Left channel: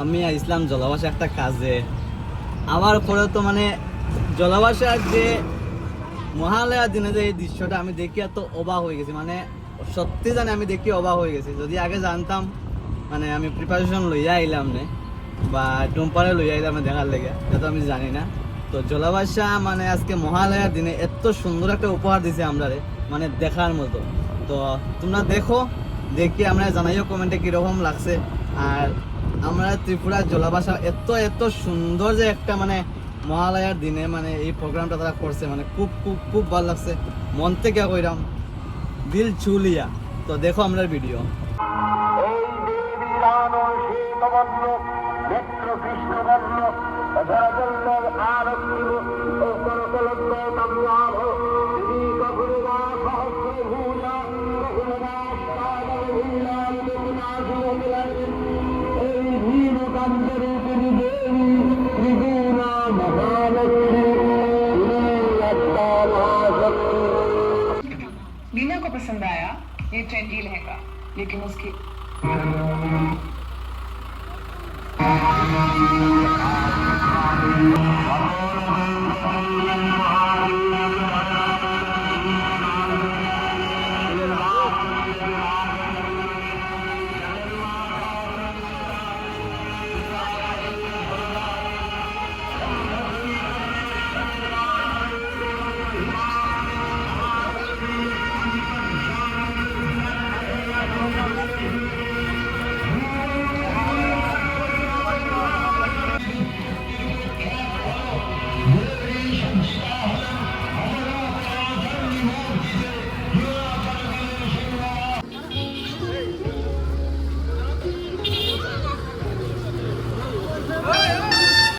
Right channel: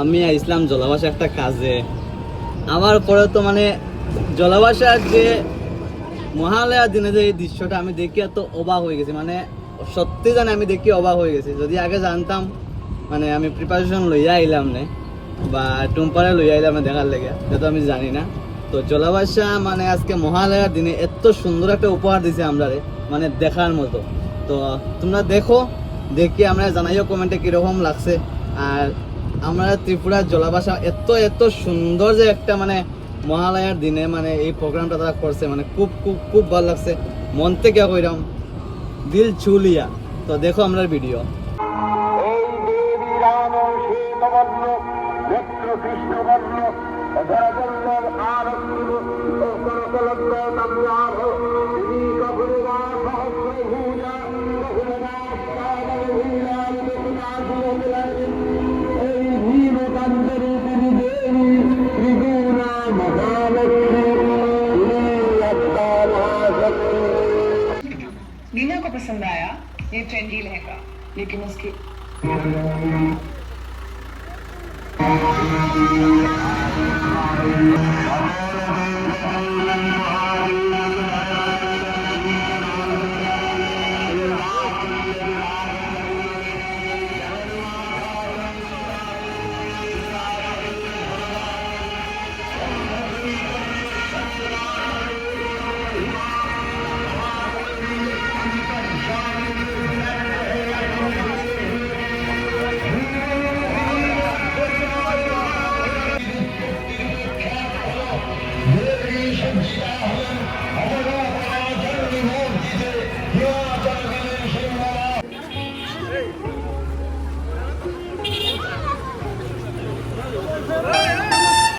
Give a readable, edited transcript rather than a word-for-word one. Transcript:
আমি ইসলাম জলাভাষা একটা কাজে আমার পরে তো মানে জলাভাষার যে মহালয়ার দিনে যে এই দৃশ্যটা আমি দেখি এত অবাক হয়ে গেছি, মানে সত্যি জানি আমি দেখি অবাক হয়ে গেছি। যদি আগে জানতাম মানে আমি প্রিপারেশন লইয়া আইলাম না বা টুম্পারে লইয়া আইলাম না দেখার লেগে, যেহেতু আমি জানি না। তো জলাভাষা মানে আজকে মহালয়ার দিনে এত সুন্দর একটা উপহার দিছে আমরা, মানে দেখার মতো। তো তোমরা দেখো, দেখি আমরা জানাইও কমেন্টে কিরকম লাগছে। আর আমরা ত্রিপুরার জলাভাষা এত এত সুন্দর যে একটা মানে মহালয়ার দিনে মানে এই প্রোগ্রামটা তারা করছে, মানে খুব খুব খুব ভালো লাগছে, মন থেকে কইরাম দিল ছুলিয়া। তো দেখো আমরা ভিডিও। लीना को पसंद आया ये ट्रेंडी लहंगा, लेकिन उसके